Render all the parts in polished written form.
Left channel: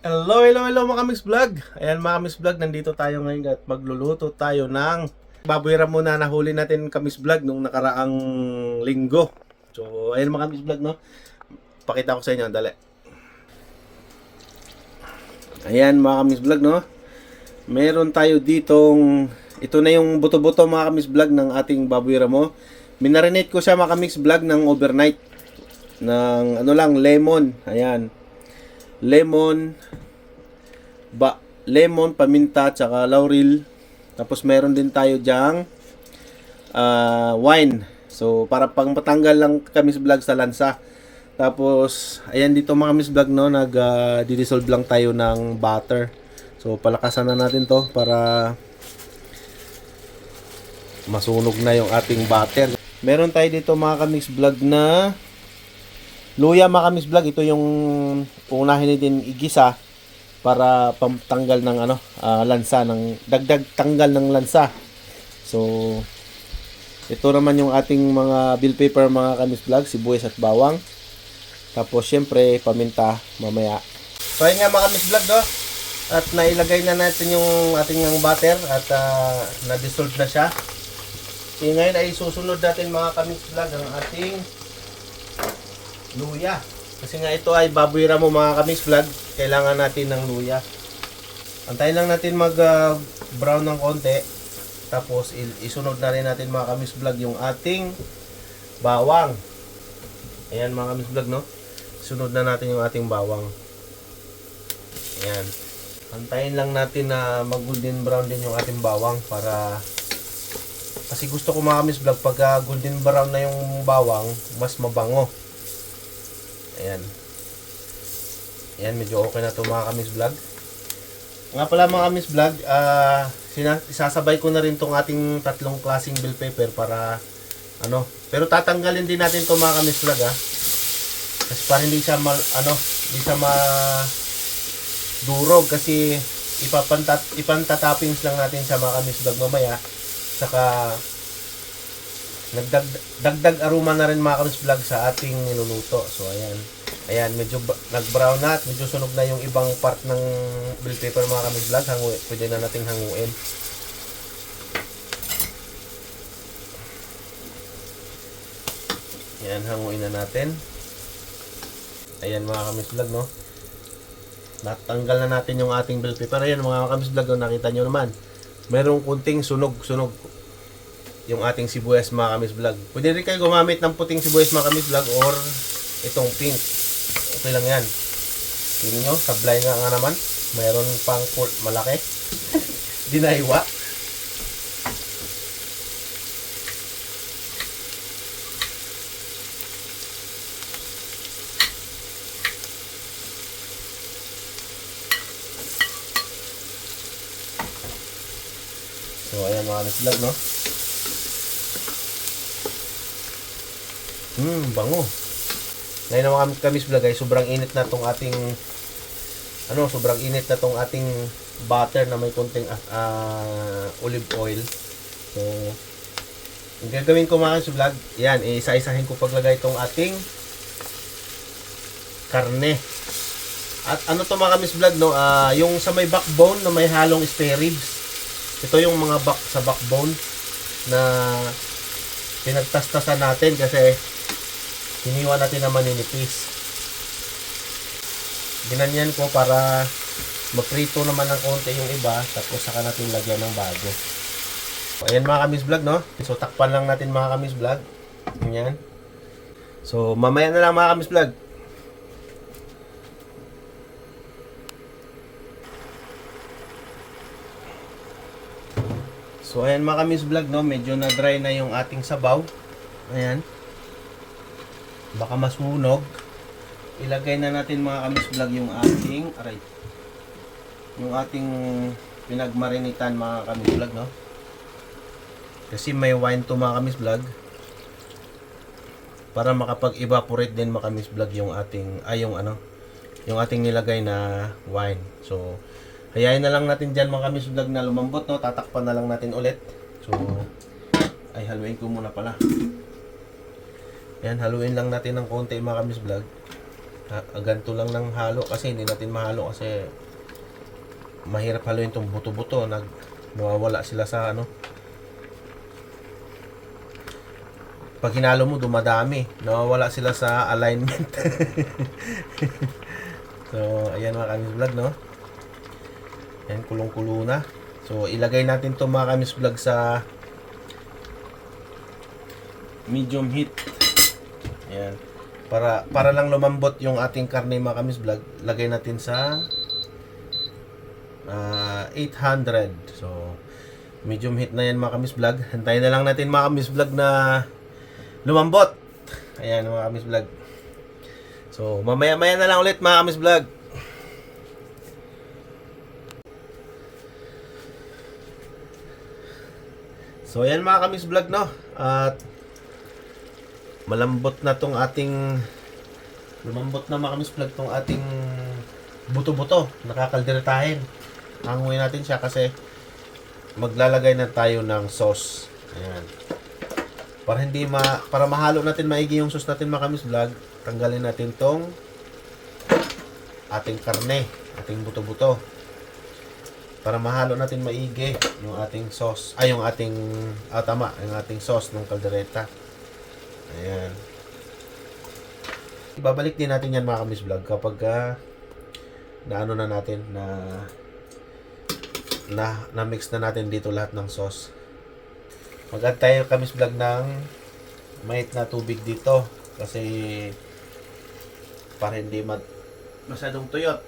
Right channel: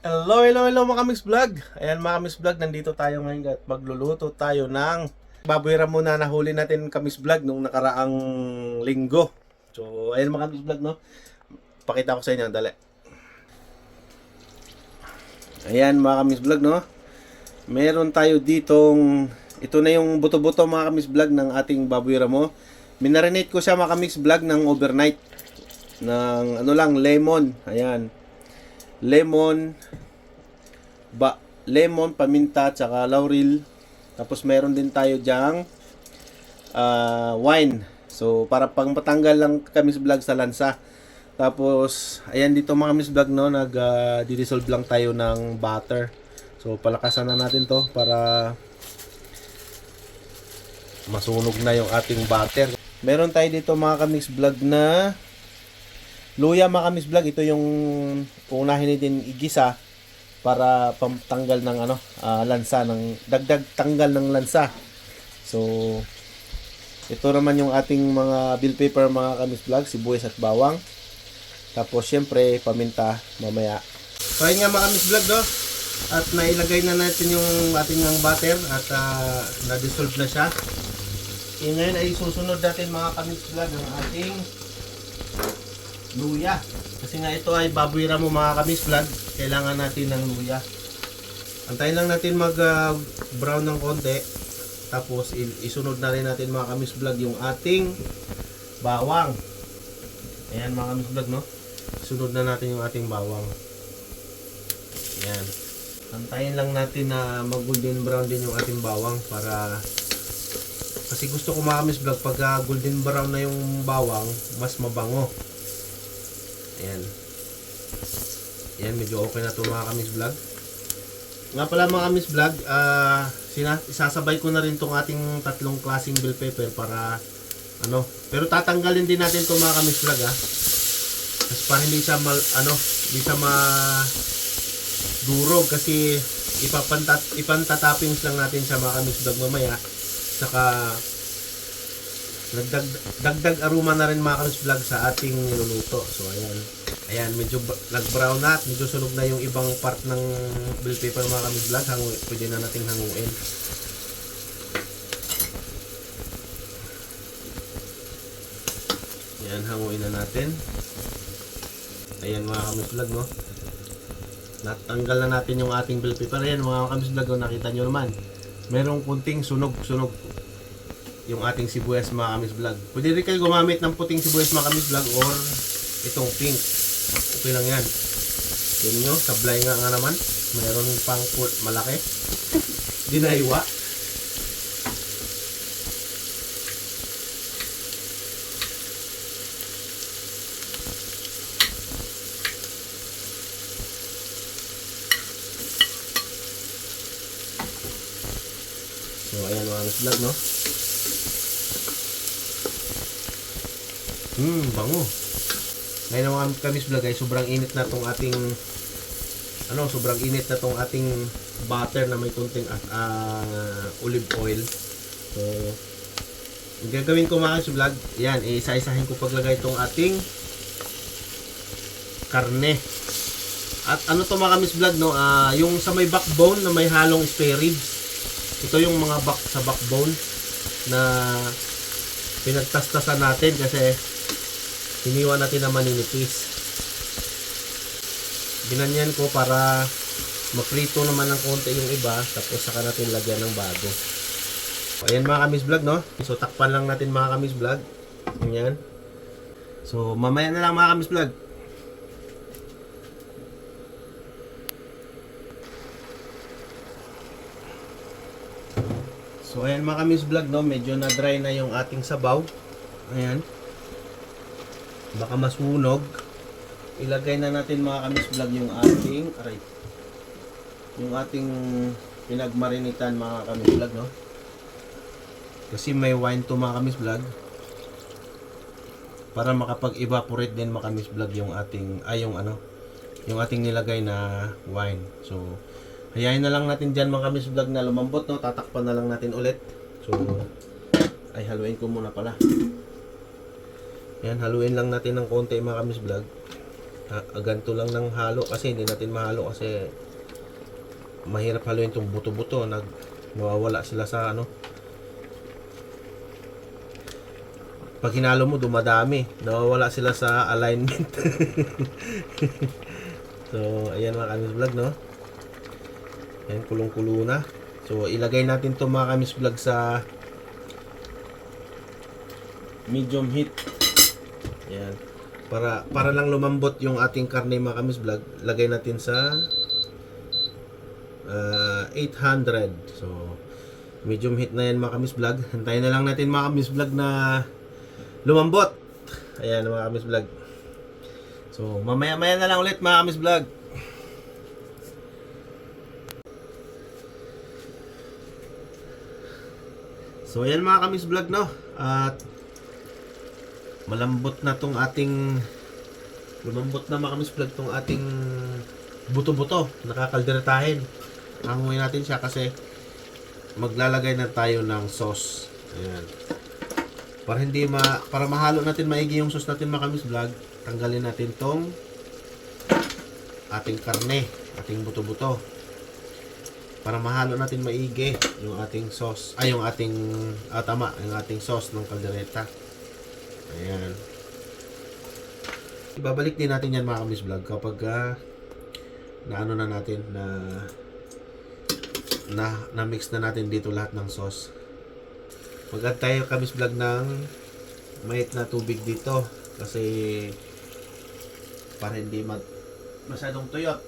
Hello mga Kamis Vlog. Ayan mga Kamis Vlog, nandito tayo ngayon at magluluto tayo ng baboy ramo na nahuli natin Kamis Vlog nung nakaraang linggo. So ayan mga Kamis Vlog, no. Pakita ko sa inyo, dali. Ayan mga Kamis Vlog, no. Meron tayo ditong, ito na yung buto-buto mga Kamis Vlog ng ating baboy ramo. Minarinate ko siya mga Kamis Vlog ng overnight ng lemon. Ayan. Lemon, paminta, tsaka laurel. Tapos meron din tayo diyang wine. So para pang patanggal lang kami sa vlog sa lansa. Tapos ayan dito mga Miss Vlog, no, dissolve lang tayo ng butter. So palakasan na natin to para masunog na yung ating butter. Meron tayo dito mga Kamis Vlog na luya mga Kamis Vlog. Ito yung unahin natin igisa para pantanggal ng lansa, ng dagdag tanggal ng lansa. So ito naman yung ating mga bell pepper mga Kamis Vlog, sibuyas at bawang. Tapos syempre paminta mamaya. So ayun nga mga Kamis Vlog, no? At nailagay na natin yung ating butter at na-dissolve na siya. So ngayon ay susunod natin mga Kamis Vlog ang ating luya. Kasi nga ito ay baboy ramo mga Kamis Vlog, kailangan natin ng luya. Antayin lang natin mag brown ng konti. Tapos isunod na rin natin mga Kamis Vlog yung ating bawang. Ayan mga Kamis Vlog, no? Sunod na natin yung ating bawang. Ayan. Antayin lang natin na mag golden brown din yung ating bawang para, kasi gusto ko mga Kamis Vlog pag golden brown na yung bawang, mas mabango. Ayan. Ayan, medyo okay na ito mga Kamis Vlog. Nga pala mga Kamis Vlog, isasabay ko na rin tong ating tatlong klaseng bell pepper para pero tatanggalin din natin ito mga Kamis Vlog, kasi para hindi siya hindi siya durog, kasi ipantatoppings lang natin sa mga Kamis Vlog mamaya. Saka dagdag aroma na rin mga Kamis Vlog sa ating niluluto. So ayan. Ayan, medyo nag-brown na at medyo sunog na yung ibang part ng bell pepper mga Kamis Vlog. Pwede na nating hanguin. Ayan, hanguin na natin. Ayan mga Kamis Vlog, no? Natanggal na natin yung ating bell pepper. Ayan mga Kamis Vlog, no? Nakita nyo naman. Merong kunting sunog yung ating sibuyas mga Kamis Vlog. Pwede rin kayo gumamit ng puting sibuyas mga Kamis Vlog or itong pink. Okay lang yan. Yun nyo, sablay nga naman. Mayroon pang port malaki. Dinaywa. So ayan mga Kamis Vlog, no? Bango. Ngayon naman Kamis Vlog ay sobrang init na tong ating butter na may konting olive oil. So ang gagawin ko mga Kamis Vlog, yan, isa-isahin ko paglagay tong ating karne. At to mga Kamis Vlog, no, yung sa may backbone na may halong spare ribs. Ito yung mga sa backbone na pinagtastasan natin kasi hiniwa natin na maninipis. Binanyan ko para maprito naman ng konti yung iba, tapos saka natin lagyan ng bago. So ayan mga Kamis Vlog, no? So takpan lang natin mga Kamis Vlog. Ayan. So mamaya na lang mga Kamis Vlog. So ayan mga Kamis Vlog, no? Medyo na dry na yung ating sabaw. Ayan. Baka masunog. Ilagay na natin mga Kamis Vlog yung ating pinagmarinitan mga Kamis Vlog, no? Kasi may wine to mga Kamis Vlog, para makapag-evaporate din mga Kamis Vlog yung ating yung ating nilagay na wine. So hayain na lang natin dyan mga Kamis Vlog na lumambot, no? Tatakpan na lang natin ulit. So ay haluin ko muna pala. Yan, haluin lang natin ng konti mga Kamis Vlog. Ganito lang ng halo kasi hindi natin mahalo kasi mahirap haluin itong buto-buto. Nawawala sila sa ano. Pag hinalo mo, dumadami. Nawawala sila sa alignment. So, ayan mga Kamis Vlog, no? Ayan, kulong-kulo na. So, ilagay natin to mga Kamis Vlog sa medium heat. Ayan. Para lang lumambot yung ating karne mga Kamis Vlog, lagay natin sa 800. So, medium heat na yan mga Kamis Vlog. Hintayin na lang natin mga Kamis Vlog na lumambot. Ayan mga Kamis Vlog. So, mamaya-maya na lang ulit mga Kamis Vlog. So, ayan mga Kamis Vlog, no? At malambot na tong ating lumambot na mga Kamis Vlog tong ating buto-buto. Nakakalderetahin. Hanguin natin siya kasi maglalagay na tayo ng sauce. Ayan. Para mahalo natin maigi yung sauce natin mga Kamis Vlog, tanggalin natin tong ating karne, ating buto-buto. Para mahalo natin maigi yung ating sauce, yung ating yung ating sauce ng kaldereta. Ayan. Ibabalik din natin yan mga Kamis Vlog kapag naano na natin na mix na natin dito lahat ng sauce. Mag-add tayo Kamis Vlog ng mait na tubig dito kasi para hindi masyadong tuyot.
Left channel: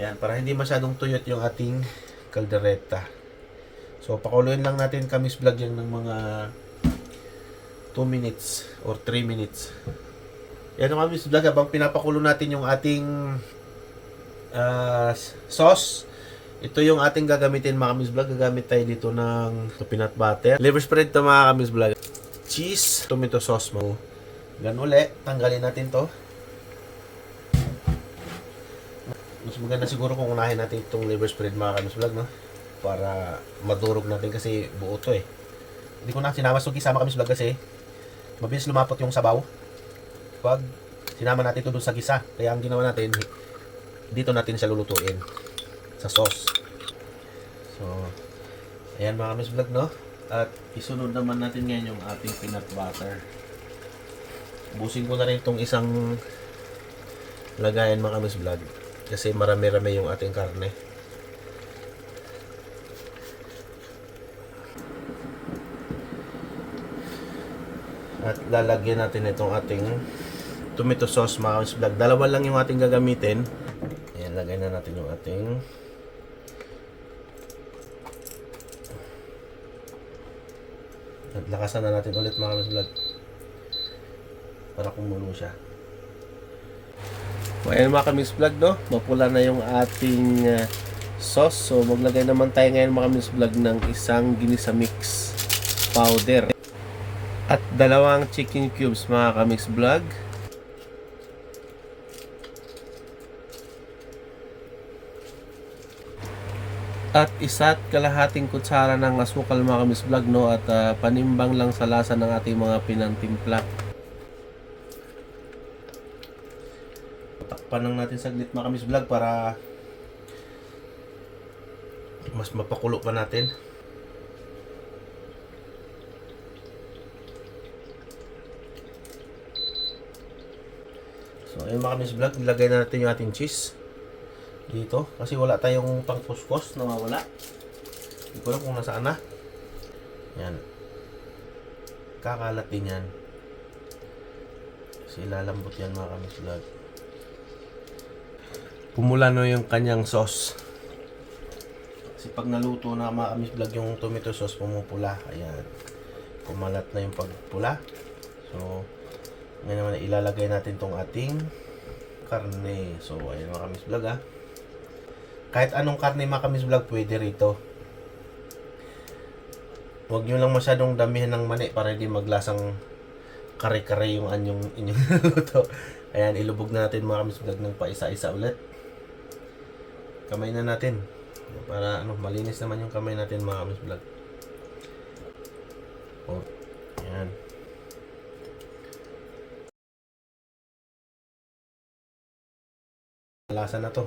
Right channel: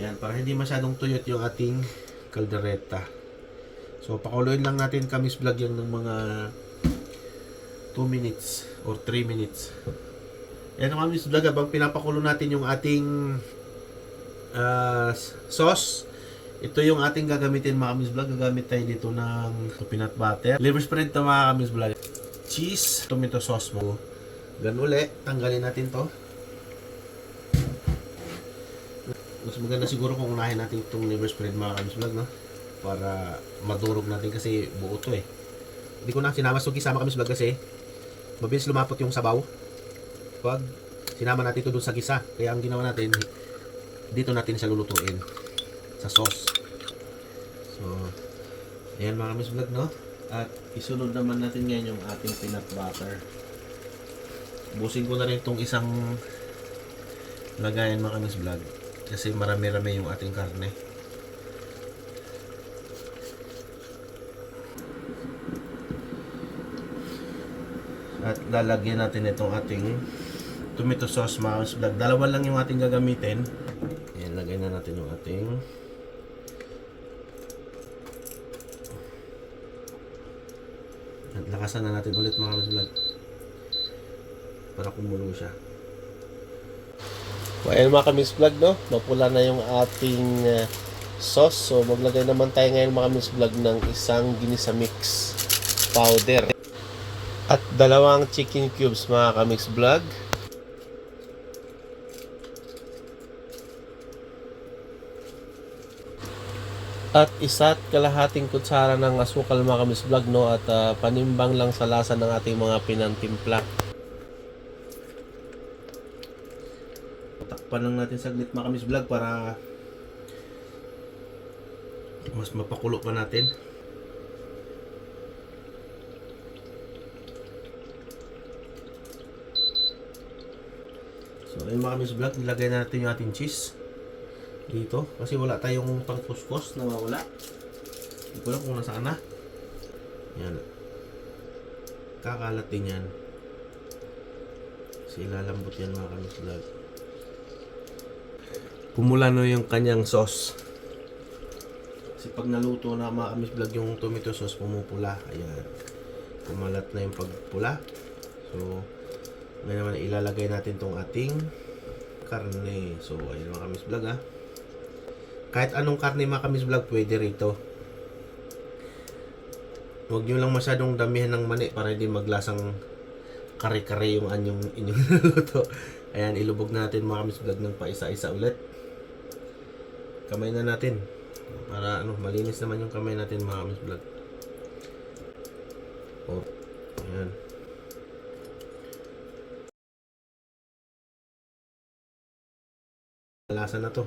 Yan, para hindi masyadong tuyot yung ating kaldereta. So, pakuluin lang natin Kamis Vlog yun ng mga 2 minutes or 3 minutes. Yan ang Kamis Vlog, habang pinapakulo natin yung ating sauce. Ito yung ating gagamitin mga Kamis Vlog. Gagamit tayo dito ng peanut butter. Liver spread to mga Kamis Vlog. Cheese, tomato sauce mo. Ganun ulit, tanggalin natin to. Mas maganda siguro kung unahin natin itong liver spread mga Kamis Vlog, no? Para madurog natin kasi buo to eh. Hindi ko na sinama sama Kamis Vlog kasi mabilis lumapot yung sabaw pag sinama natin ito dun sa gisa. Kaya ang ginawa natin, dito natin siya lulutuin sa sauce. So, ayan mga Kamis Vlog, no? At isunod naman natin ngayon yung ating peanut butter. Busin ko na rin itong isang lagayan mga Kamis Vlog kasi marami-rami yung ating karne. At lalagyan natin itong ating tomato sauce mga Kamis Vlog. Dalawa lang yung ating gagamitin. Ayan, lagay na natin yung ating at lakasan na natin ulit mga Kamis Vlog para kumulo siya. So, ayan mga Kamis Vlog, no? Mapula na yung ating sauce. So, maglagay naman tayo ngayon mga Kamis Vlog ng isang ginisa mix powder. At dalawang chicken cubes mga Kamis Vlog. At isa't kalahating kutsara ng asukal mga Kamis Vlog, no? At panimbang lang sa lasa ng ating mga pinantimpla. Takpan lang natin saglit mga Kamis Vlog para mas mapakulo pa natin. So ayun mga Kamis Vlog, ilagay na natin yung ating cheese dito kasi wala tayong pangkuskus na mawala. Hindi ko lang kung nasaan na. Yan, kakalat din yan kasi ilalambot yan mga Kamis Vlog. Pumula na yung kanyang sauce kasi pag naluto na mga Kamis Vlog yung tomato sauce, pumupula. Ayan, kumalat na yung pagpula. So ngayon naman ilalagay natin tong ating karne. So ayun mga Kamis Vlog, kahit anong karne mga Kamis Vlog pwede rito. Huwag nyo lang masyadong damihan ng mani para hindi maglasang kare-kare yung inyong luto. Ayan, ilubog na natin mga Kamis Vlog ng paisa-isa ulit. Kamay na natin para malinis naman yung kamay natin mga Kamis Vlog. Oh, ayan. Lasa na to.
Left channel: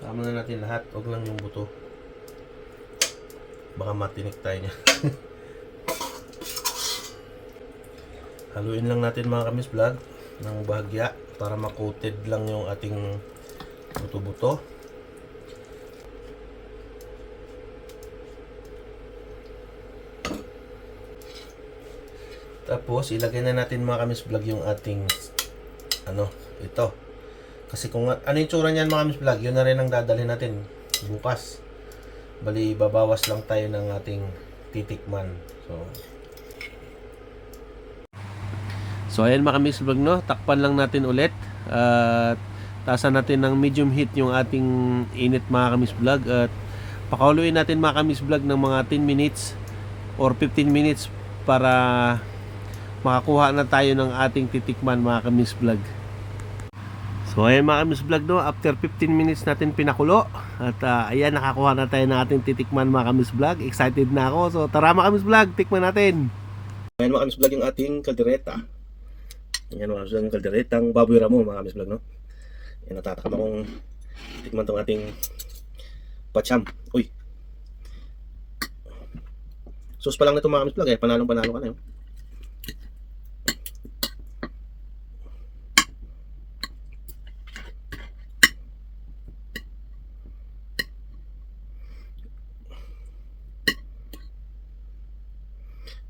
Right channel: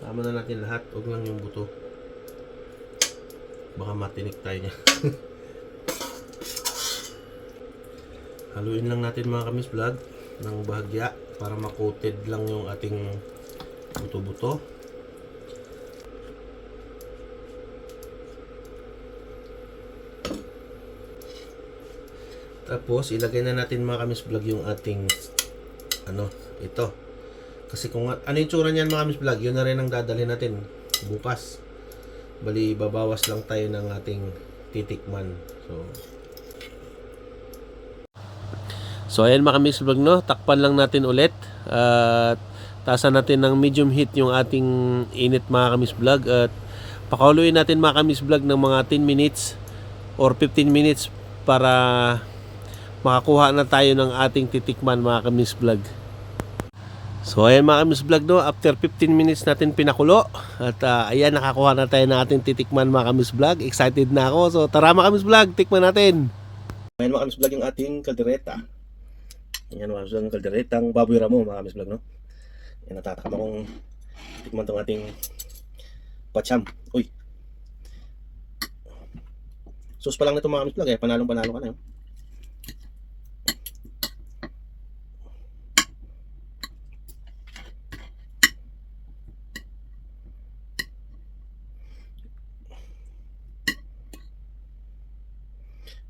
Tama na natin lahat. Huwag lang yung buto. Baka matinik tayo niya. Haluin lang natin mga kamis vlog ng bahagya para makoted lang yung ating buto-buto. Tapos ilagay na natin mga kamis vlog yung ating ito. Kasi kung ano yung tsura niyan mga kamis vlog, yun na rin ang dadalhin natin bukas. Bali babawas lang tayo ng ating titikman. So ayan mga kamis vlog, no, takpan lang natin ulit at tasan natin ng medium heat yung ating init mga kamis vlog at pakuluin natin mga kamis vlog ng mga 10 minutes or 15 minutes para makakuha na tayo ng ating titikman mga kamis vlog. So ayan mga kamis vlog, no, after 15 minutes natin pinakulo at ayan, nakakuha na tayo ng ating titikman mga kamis vlog. Excited na ako. So tara mga kamis vlog, tikman natin. Ayan mga kamis vlog yung ating kaldereta. Ayan mga kamis vlog, yung kalderetang baboy ramo mga kamis vlog, no. Ayan, natatakam akong tikman tong ating pacham. Uy, sus pa lang na itong mga kamis vlog, panalong panalo ka na yun.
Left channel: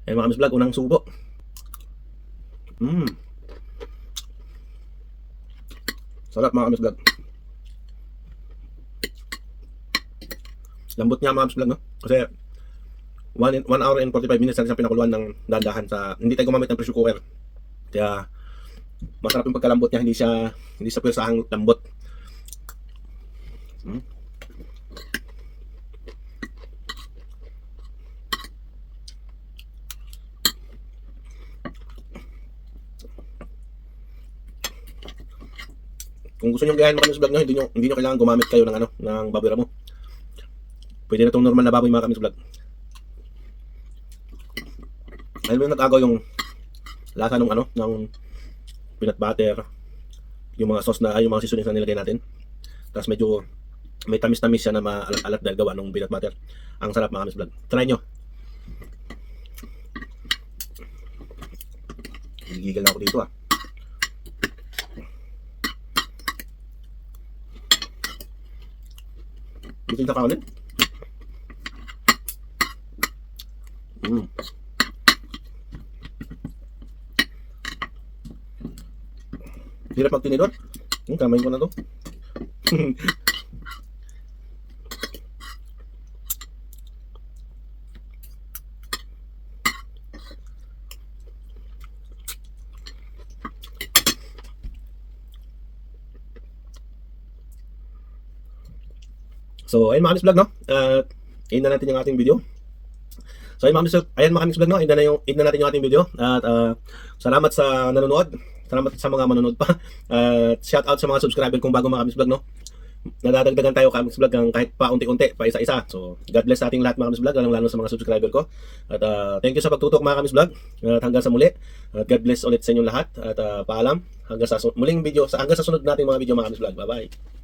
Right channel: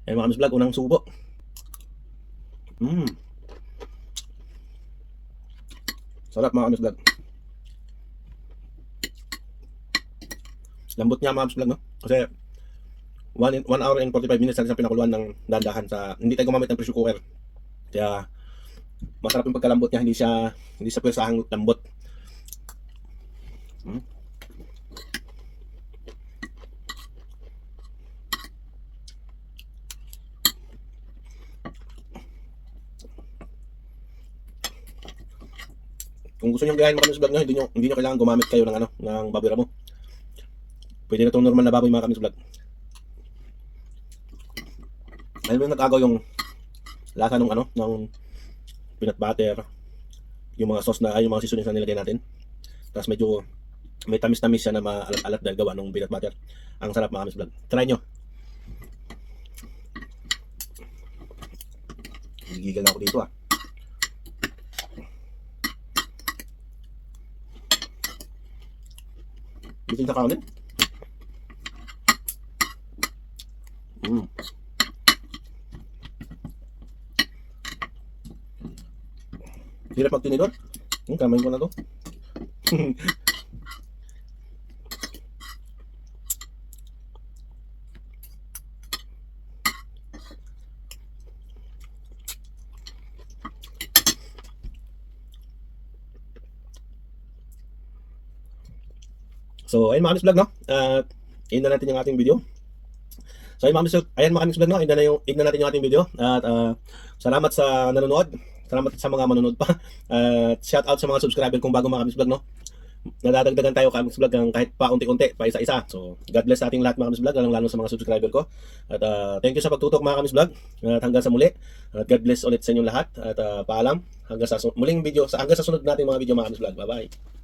Ayan mga kamis vlog, unang subo. Sarap mga kamis vlog. Lambot niya mga kamis vlog, no? Kasi 1 hour and 45 minutes natin sa pinakuluan ng dandahan sa, hindi tayo gumamit ng pressure cooker. Kaya masarap yung pagkalambot niya, hindi sa pwersahang lambot. Kung gusto niyo gayahin mga kamis vlog nyo, hindi nyo kailangan gumamit kayo ng baboy ramo. Pwede na itong normal na baboy mga kamis vlog. Alam mo yung nag-agaw yung lasa ng peanut butter, yung mga sauce na, yung mga seasonings na nilagay natin. Tapos medyo may tamis-tamis siya na maalat-alat dahil gawa ng peanut butter. Ang sarap mga kamis vlog. Try nyo. Gigigil na ako dito ah. Bitin sa kanin. Hirap magtinidor. Kamayin ko na to. So, ayun mga kamis vlog, no? End na natin yung ating video. So, ayun mga kamis vlog, no? End na natin yung ating video. At salamat sa nanonood. Salamat sa mga manonood pa. Shout out sa mga subscriber kong bago mga kamis vlog, no? Nadadagdagan tayo kamis vlog ng kahit pa unti-unti, pa isa-isa. So, God bless sa ating lahat mga kamis vlog, lalo sa mga subscriber ko. At thank you sa pagtutok mga kamis vlog. At hanggang sa muli. At God bless ulit sa inyong lahat. At paalam. Hanggang sa muling video, hanggang sa sunod nating mga video mga kamis vlog. Bye-bye.